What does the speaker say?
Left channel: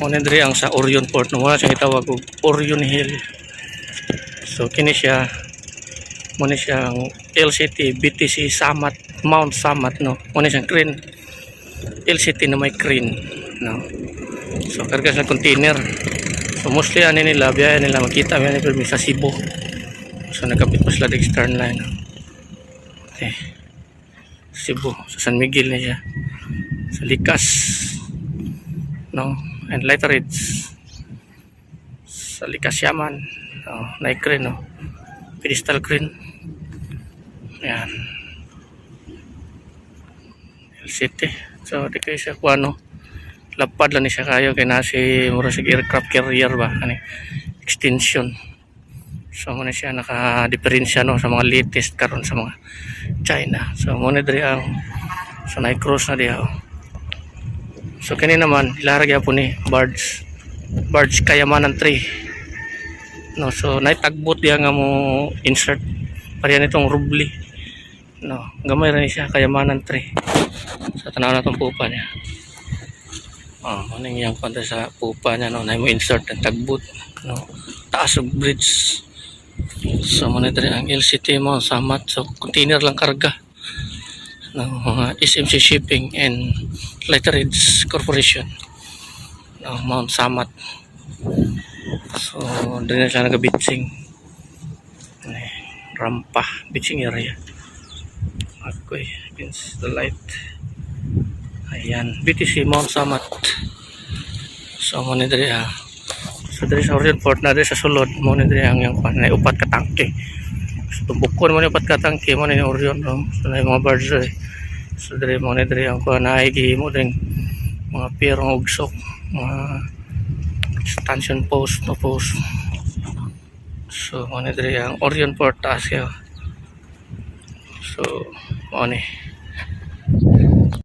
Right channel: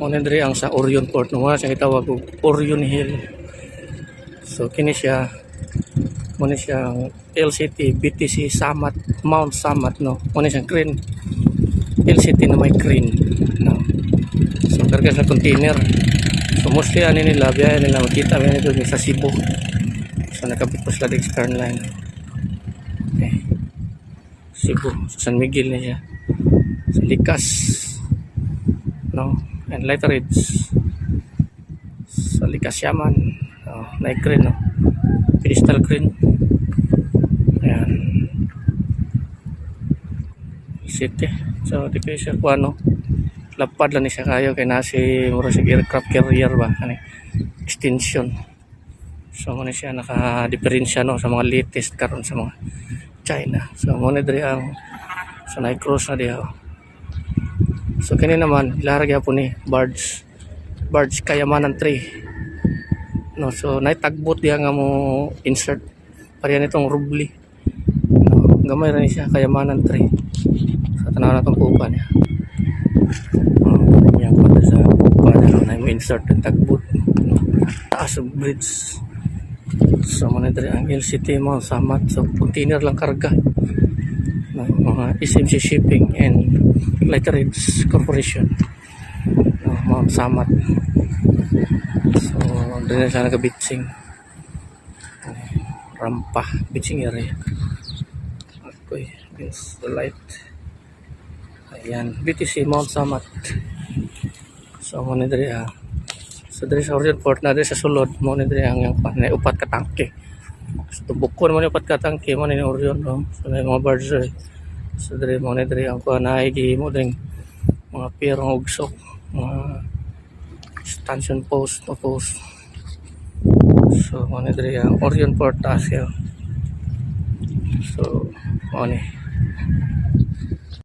Mo ni diri ang sa Orion Port no, wala siyang itawag og Orion Hill. So kini siya mo ni siyang LCT BTC Samat Mount Samat no. Mo ni siyang crane. LCT na may crane no. So karga sa container. So mostly ani nila biyahe nila makita biyahe nila sa Cebu. So nakapit pa sila sa Eastern Line. Okay. Cebu sa San Miguel na siya. Sa Likas no, and lighter ridge sa Likas Yaman no, na crane no, pedestal crane yan LCT. So di kayo siya kuha no, lapad lang ni siya kayo kay nasi mura sig aircraft carrier ba ani extension. So muna siya naka-diferensya no sa mga latest karon sa mga China. So muna diri ang so na-cross na diha. So kini naman ilaragya po ni barge Kayamanan 3 no. So naitagbot diha nga mo insert pareha nitong rubli no, gamay ra ni siya Kayamanan 3. So tanaw na tong pupa niya ning yang panta sa pupa niya no, na mo insert ang tagbot no, taas og bridge. So mo diri ang LCT mo Samat. So container lang karga ng mga SMC Shipping and Lightridge Corporation no, Mount Samat. So doon na siya nagabitsing rampa bitsing area. Okay, against the light. Ayan, BTC Mount Samat. So mo diri so diri sa Orion Port na diri sa sulod mo diri ang yang na upat ka tangke. So tumbukon mo ni upat ka tangke mo ni Orion no. So na mga barge. So diri mo diri ang kuha na gihimo ding mga pier ng ugsok, mga stanchion post no post. So mo diri ang Orion Port taas kayo. So mo ni